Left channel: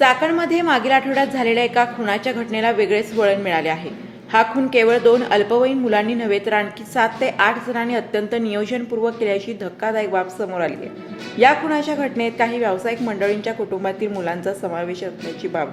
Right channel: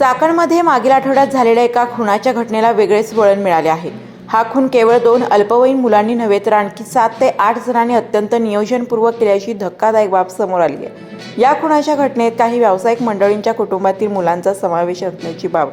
चाकणमध्ये मागील आठवड्यात झालेल्या एका खुनाच्या घटनेला वेगळेच वळण मिळाले आहे। हा खून केवळ 2 अल्पवयीन मुलांनी नव्हे तर आणखी 7 ते 8 जणांनी अत्यंत नियोजनपूर्वक केल्याची धक्कादायक बाब समोर आली आहे। या खुनाच्या घटनेत काही व्यावसायिक मंडळींच्या कुटुंबातील मुलांचा समावेश असण्याची बाब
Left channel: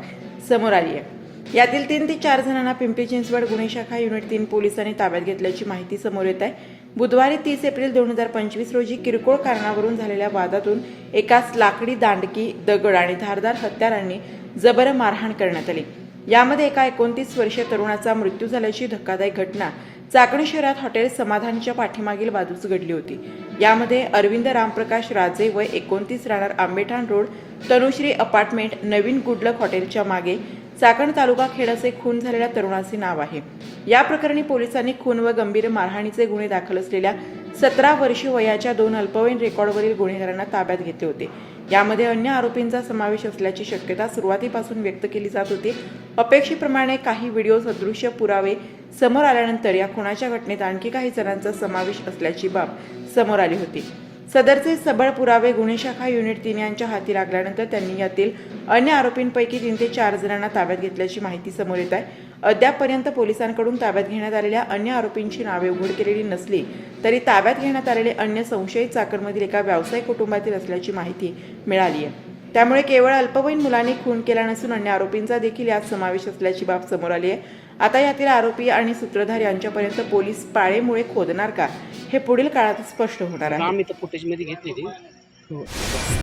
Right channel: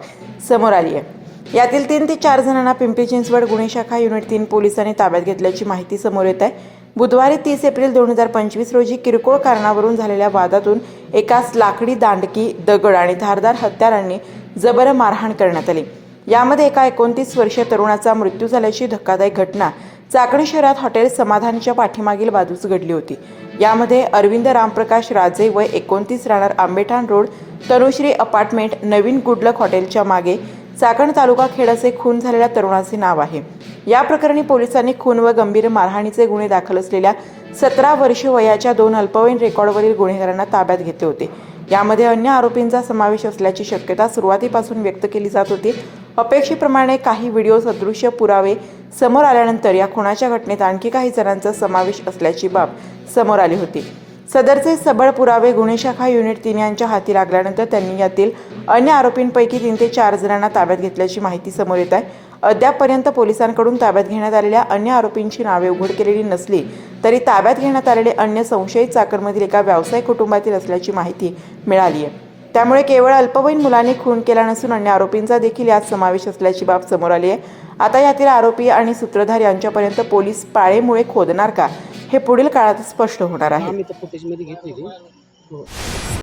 समोर आली आहे। यातील 3 ते 4 जणांना पिंपरी चिंचवड गुन्हे शाखा युनिट 3 पोलिसांनी ताब्यात घेतल्याची माहिती समोर येत आहे। बुधवारी 30 एप्रिल 2025 रोजी किरकोळ कारणावरून झालेल्या वादातून एकास लाकडी दांडकी, दगड आणि धारदार हत्यारांनी जबर मारहाण करण्यात आली। यामध्ये एका 29 वर्षीय तरुणाचा मृत्यू झाल्याची धक्कादायक घटना चाकण शहरात हॉटेल समाधानच्या पाठीमागील बाजूस घडली होती। यामध्ये अरविंद रामप्रकाश राजे वय 29 राहणार आंबेठाण रोड, तनुश्री अपार्टमेंट, नवीन गुडलक हॉटेलच्या मागे, चाकण तालुका खेड असे खून झालेल्या तरुणाचे नाव आहे। या प्रकरणी पोलिसांनी खून व गंभीर मारहाणीचे गुन्हे दाखल असलेल्या 17 वर्षे वयाच्या 2 अल्पवयीन रेकॉर्डवरील गुन्हेगारांना ताब्यात घेतले होते। यामध्ये अन्य आरोपींचा समावेश असल्याची शक्यता सुरुवातीपासून व्यक्त केली जात होती। अपेक्षेप्रमाणे काही व्हिडिओ सदृश्य पुरावे समोर आल्यानंतर या खुनाच्या घटनेत आणखी काही जणांचा समावेश असल्याची बाब समोर आली होती। सदरचे सबळ पुरावे गुन्हे शाखा युनिट 3 यांच्या हाती लागल्यानंतर त्यांनी यातील अन्य आरोपींपैकी 3 ते 4 जणांना ताब्यात घेतल्याची माहिती समोर येत आहे। अद्यापपर्यंत पोलिसांकडून ताब्यात घेण्यात आलेल्या अन्य आरोपींची नावे उघड केलेली नसली तरी ताब्यात घेण्यात आलेले अन्य संशयित चाकणमधील एका व्यावसायिक कुटुंबातील असल्याची माहिती मिळाली आहे। त्यामुळे केवळ अल्पवयीन मुलांनी खून केला नसून अन्य आरोपींचा देखील यात समावेश असल्याची बाब समोर आली आहे। आता यातील आरोपी आणि सूत्रधार यांच्यापर्यंत पोलीस पाळेमुळे खोदणार का, हे पुढील काळात स्पष्ट होणार आहे।